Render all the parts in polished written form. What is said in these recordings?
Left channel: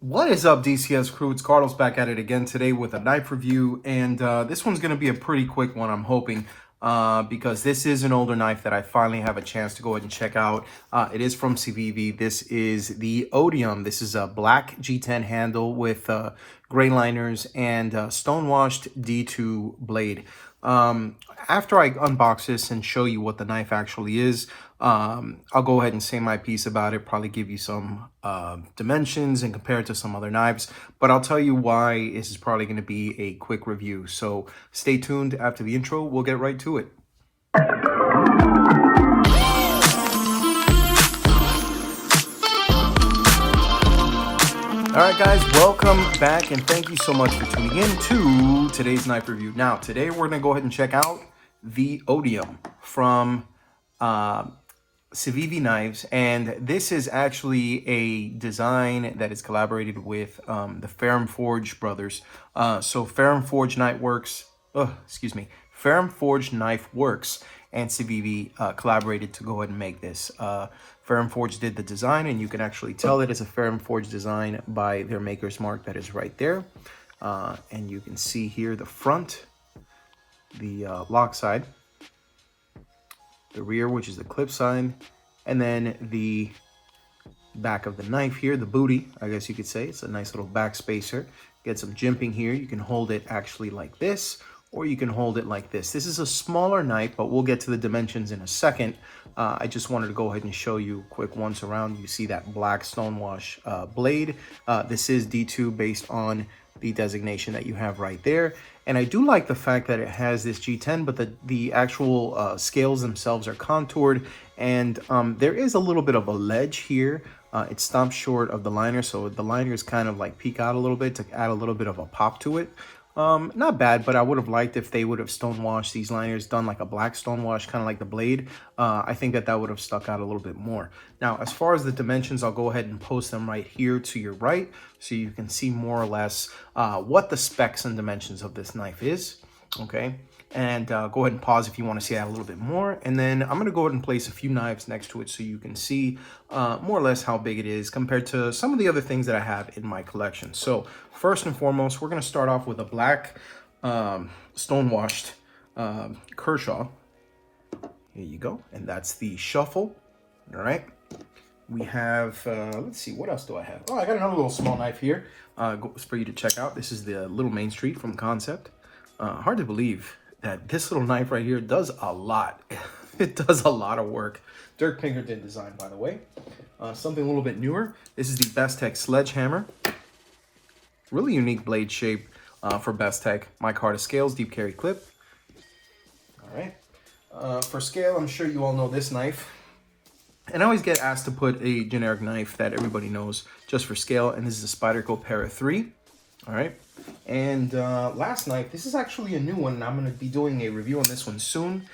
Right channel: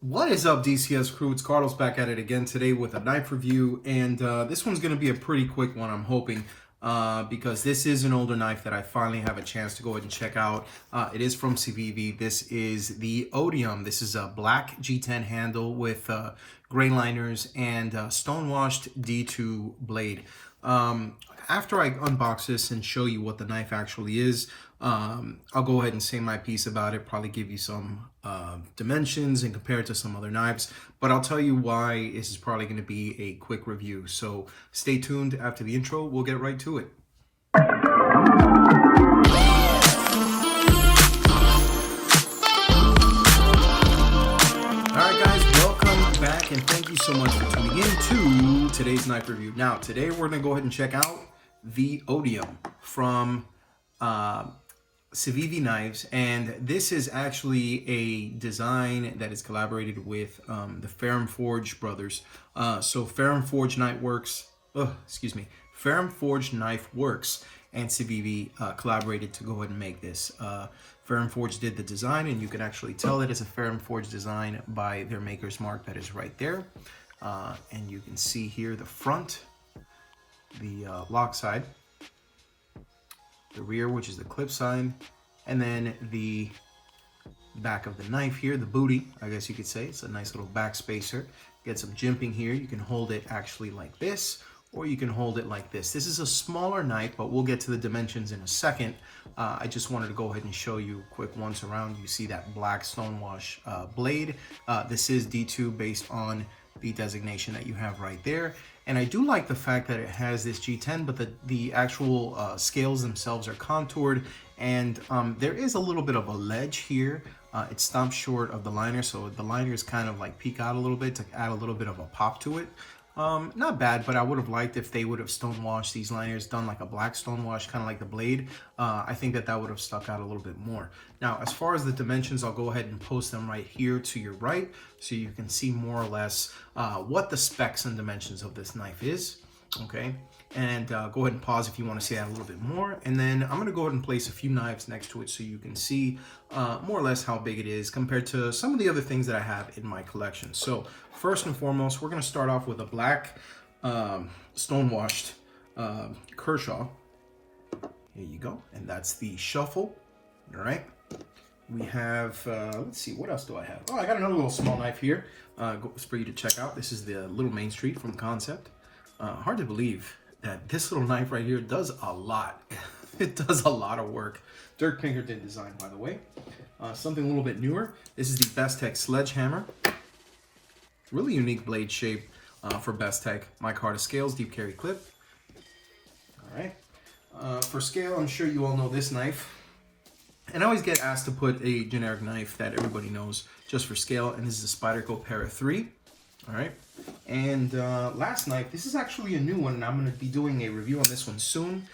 What is up, DCS crew? It's Carlos back at it again today with a knife review, and this one's going to be a pretty quick one, I'm hoping, because this is an older knife that I finally have a chance to go ahead and check out. It is from Civivi. This is the Odium. This is a black G10 handle with gray liners and stonewashed D2 blade. After I unbox this and show you what the knife actually is, I'll go ahead and say my piece about it, probably give you some dimensions and compare it to some other knives, but I'll tell you why this is probably going to be a quick review. So stay tuned. After the intro, we'll get right to it. Alright guys, welcome back and thank you so much for tuning in to today's knife review. Now, today we're going to go ahead and check out the Odium from Civivi knives, and this is actually a design that is collaborated with the Ferrum Forge brothers. So Ferrum Forge Knife Works, Ferrum Forge Knife Works and Civivi collaborated to go ahead and make this. Ferrum Forge did the design, and you can actually tell it is a Ferrum Forge design by their maker's mark that is right there. And you can see here the front, the lock side, the rear, which is the clip side, and then the back of the knife here, the booty, I guess you could say. It's a nice little back spacer. Get some jimping here. You can hold it actually like this, or you can hold it like this. This is a smaller knife, but we'll get to the dimensions in a second. I just wanted to go ahead and show you quick once around. You see that black stonewash blade. This is D2 based on the designation that you have right there. And I do like the fact that it has this G10, but the actual scales themselves are contoured, and there is a little bit of a ledge here. It stops short of the liner, so the liners kind of like peek out a little bit to add a little bit of a pop to it. Not bad, but I would have liked if they would have stonewashed these liners, done like a black stonewash, kind of like the blade. I think that would have stuck out a little bit more. Now, as far as the dimensions, I'll go ahead and post them right here to your right, so you can see more or less what the specs and dimensions of this knife is. Okay, and go ahead and pause if you want to see that a little bit more. And then I'm going to go ahead and place a few knives next to it so you can see more or less how big it is compared to some of the other things that I have in my collection. So first and foremost, we're going to start off with a black stonewashed Kershaw. Here you go. And that's the Shuffle. All right. We have, let's see, what else do I have? Oh, I got another little small knife here for you to check out. This is the Little Main Street from Concept. Hard to believe that this little knife right here does a lot. It does a lot of work. Dirk Pinkerton design, by the way. Something a little bit newer. This is the Bestech Sledgehammer. Really unique blade shape for Bestech. Micarta scales, deep carry clip. All right. For scale, I'm sure you all know this knife. And I always get asked to put a generic knife that everybody knows just for scale, and this is the Spyderco Para 3. All right. And last knife, this is actually a new one, and I'm going to be doing a review on this one soon.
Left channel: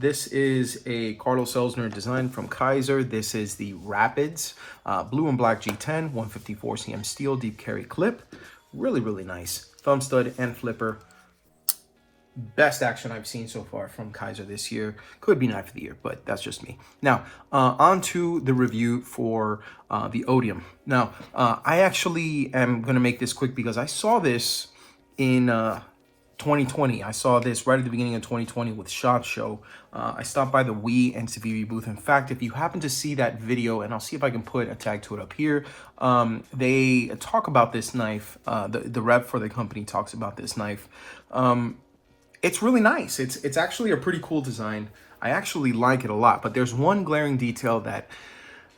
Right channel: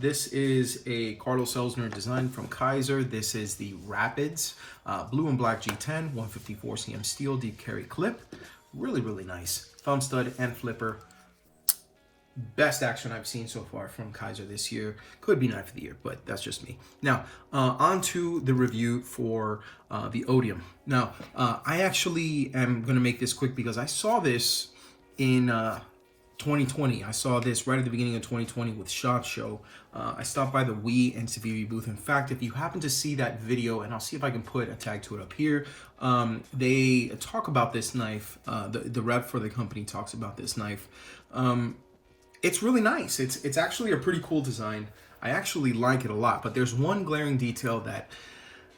This is a Carlos Elsner design from Kaiser. This is the Rapids blue and black G10, 154 cm steel, deep carry clip. Really, really nice. Thumb stud and flipper. Best action I've seen so far from Kaiser this year. Could be knife of the year, but that's just me. Now, on to the review for the Odium. Now, I actually am going to make this quick because I saw this in 2020. I saw this right at the beginning of 2020 with SHOT Show. I stopped by the Wii and Civivi booth. In fact, if you happen to see that video, and I'll see if I can put a tag to it up here, they talk about this knife. The rep for the company talks about this knife. It's really nice. It's actually a pretty cool design. I actually like it a lot, but there's one glaring detail that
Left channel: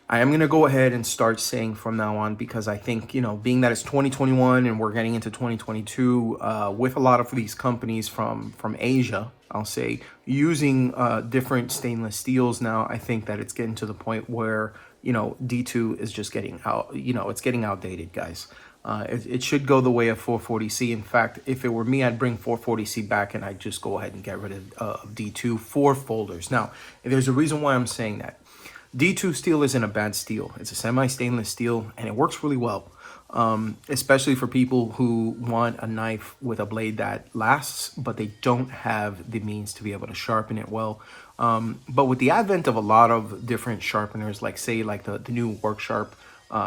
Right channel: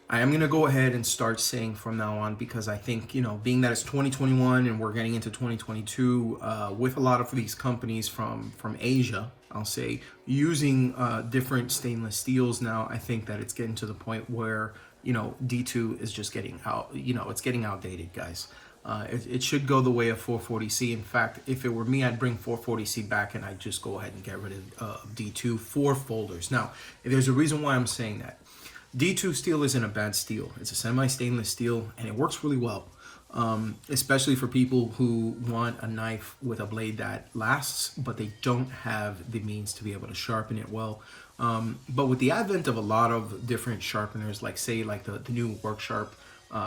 I am going to go ahead and start saying from now on, because I think, you know, being that it's 2021 and we're getting into 2022 with a lot of these companies from Asia, I'll say, using different stainless steels now, I think that it's getting to the point where, you know, D2 is just getting out, you know, it's getting outdated, guys. It should go the way of 440C. In fact, if it were me, I'd bring 440C back and I'd just go ahead and get rid of D2 for folders. Now, there's a reason why I'm saying that. D2 steel isn't a bad steel. It's a semi-stainless steel, and it works really well, especially for people who want a knife with a blade that lasts, but they don't have the means to be able to sharpen it well. But with the advent of a lot of different sharpeners, like say like the new Work Sharp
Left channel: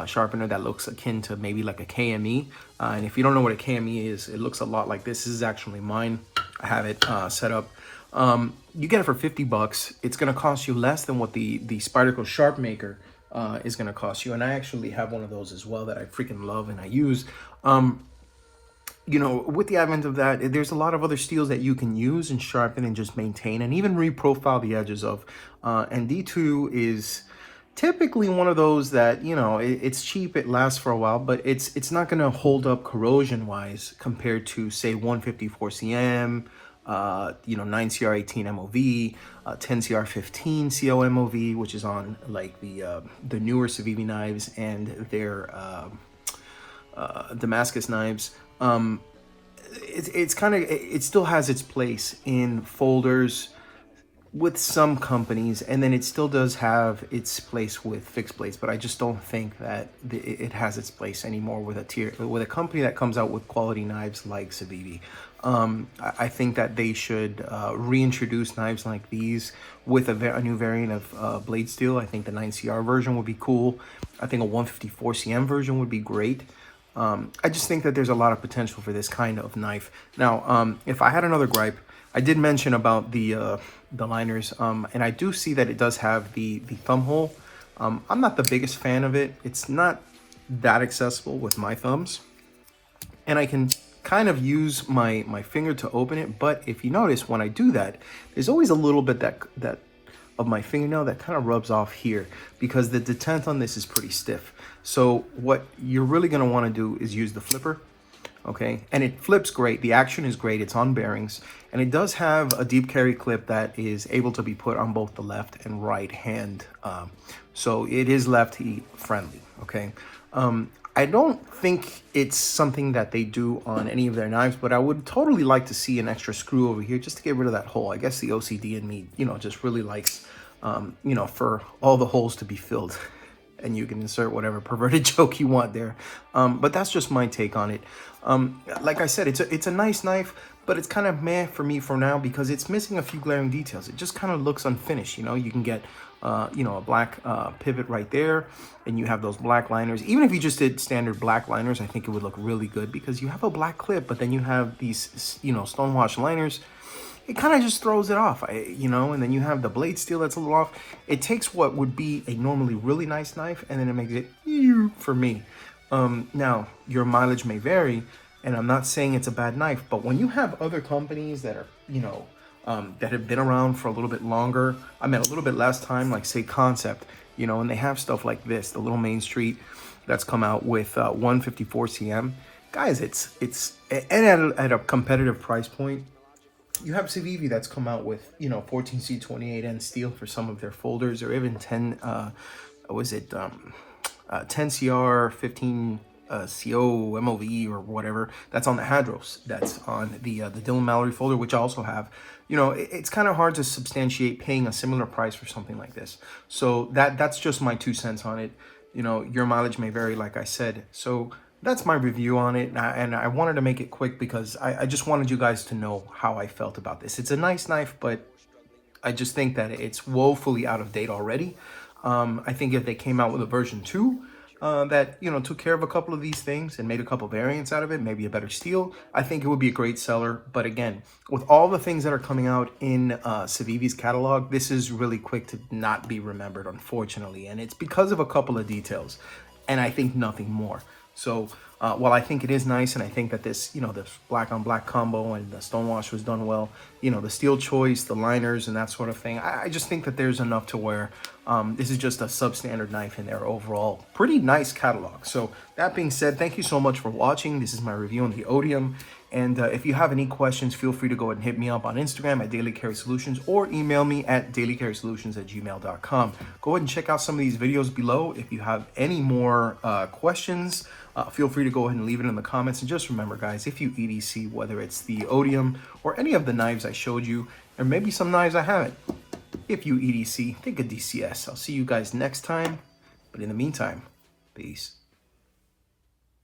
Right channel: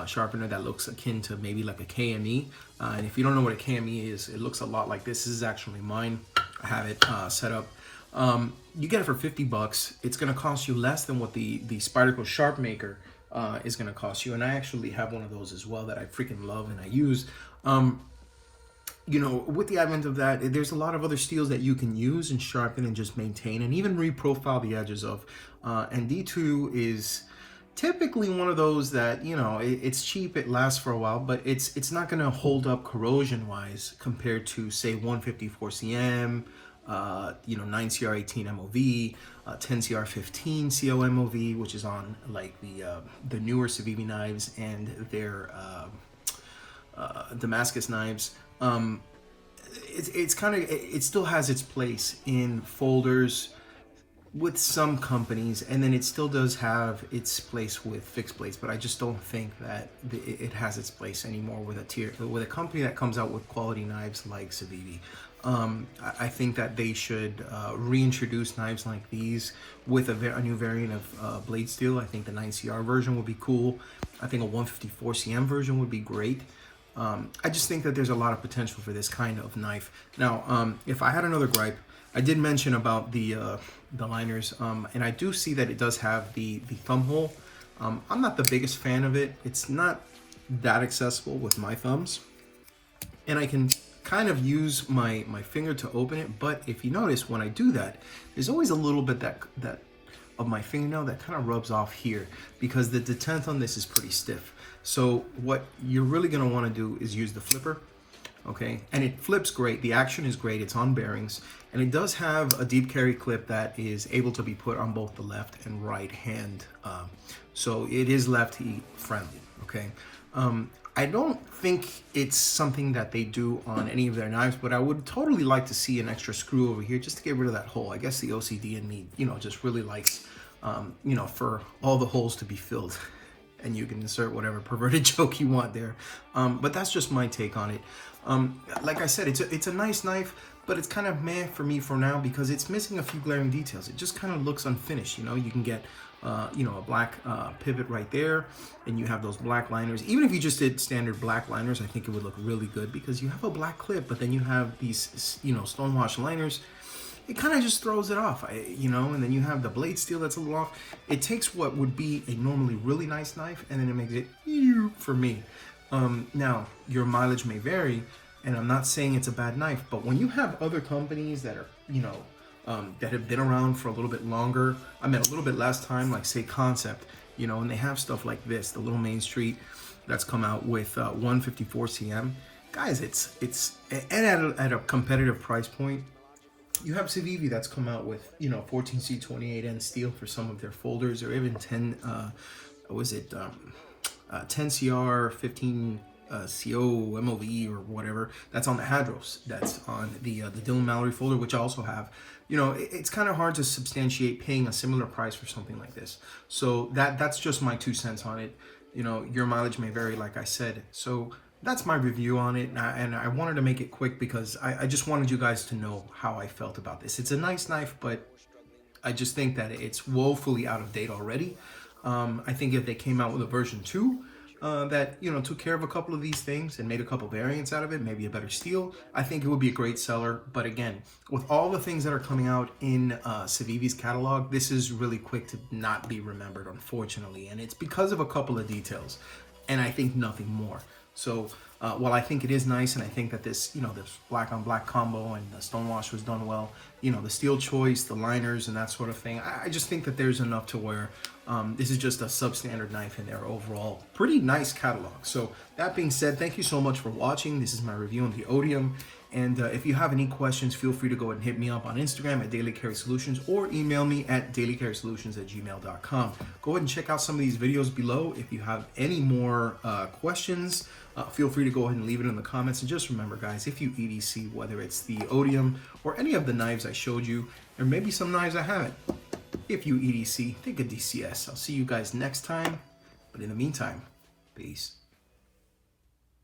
sharpener that looks akin to maybe like a KME. And if you don't know what a KME is, it looks a lot like this. This is actually mine. I have it set up. You get it for 50 bucks. It's going to cost you less than what the Spyderco Sharp Maker is going to cost you. And I actually have one of those as well that I freaking love and I use. You know, with the advent of that, there's a lot of other steels that you can use and sharpen and just maintain and even reprofile the edges of. And D2 is typically one of those that, you know, it's cheap, it lasts for a while, but it's not going to hold up corrosion wise compared to, say, 154 cm, you know, 9CR18 MOV, 10CR15 CO MOV, which is on like the newer Civivi knives and their Damascus knives. It's kind of, it still has its place in folders with some companies, and then it still does have its place with fixed blades, but I just don't think that it has its place anymore with a company that comes out with quality knives like Civivi. I think that they should reintroduce knives like these with a new variant of blade steel. I think the 9CR version would be cool. I think a 154 cm version would be great. I just think that there's a lot of potential for this kind of knife. Now, if I had another gripe, I did mention about the liners, and I do see that it does have the thumb hole. I'm not the biggest fan of it. It's not that accessible with my thumbs, and I can kind of use my finger to open it. But if you notice, when I do that, there's always a little bit that of my fingernail that kind of rubs off here because the detent on this is pretty stiff. So what you're really going to want to do is use the flipper, okay? And it flips great. The action is great. It's on bearings. And it does have a deep carry clip that is able to be put on both the left and right hand. So it is lefty friendly, okay? I don't think it's something that they do on any of their knives, but I would totally like to see an extra screw over here just to get rid of that hole. I guess the OCD in me, you know, just really likes, you know, for all the holes to be filled. And you can insert whatever perverted joke you want there. But that's just my take on it. Like I said, it's a nice knife, but it's kind of meh for me for now because it's missing a few glaring details. It just kind of looks unfinished, you know? You can get, you know, a black pivot right there, and you have those black liners. Even if you just did standard black liners, I think it would look really good because you have a black clip, but then you have these, you know, stonewash liners. It kind of just throws it off, you know, and then you have the blade steel that's a little off. It takes what would be a normally really nice knife, and then it makes it for me. Now, your mileage may vary, and I'm not saying it's a bad knife, but when you have other companies that are, you know, that have been around for a little bit longer, I mean, a little bit less time, like say Concept, you know, and they have stuff like this, the little Main Street that's come out with 154 cm. Guys, it's and at a competitive price point. You have Civivi that's come out with, you know, 14C28N steel for some of their folders, or even 10CR 15 CO MOV or whatever. That's on the Hadros. That's on the Dylan Mallory folder, which I also have. You know, it's kind of hard to substantiate paying a similar price for something like this. So that's just my 2 cents on it. You know, your mileage may vary, like I said. So that's my review on it, and I wanted to make it quick because I just wanted you guys to know how I felt about this. It's a nice knife, but I just think that it's woefully out of date already. I think if they came out with a version 2 that, you know, took care of a couple of these things and made a couple variants out of it, maybe a better steel, I think it would be a great seller. But again, with all the things that are coming out in Civivi's catalog, this is really quick to not be remembered, unfortunately, and it's because of a couple of details, and I think nothing more. So while I think it is nice, and I think that this, you know, this black on black combo and the stonewash was done well, you know, the steel choice, the liners and that sort of thing, I just think that there's enough to where this is just a substandard knife in their overall pretty nice catalog. So that being said, thank you so much for watching. This is my review on the Odium. And if you have any questions, feel free to go ahead and hit me up on Instagram at Daily Carry Solutions or email me at dailycarrysolutions@gmail.com. Go ahead and check out some of these videos below. If you have any more questions, feel free to go ahead and leave it in the comments. And just remember, guys, if you EDC, whether it's the Odium or any of the knives I showed you, or maybe some knives I haven't, if you EDC, think of DCS. I'll see you guys next time. But in the meantime, peace.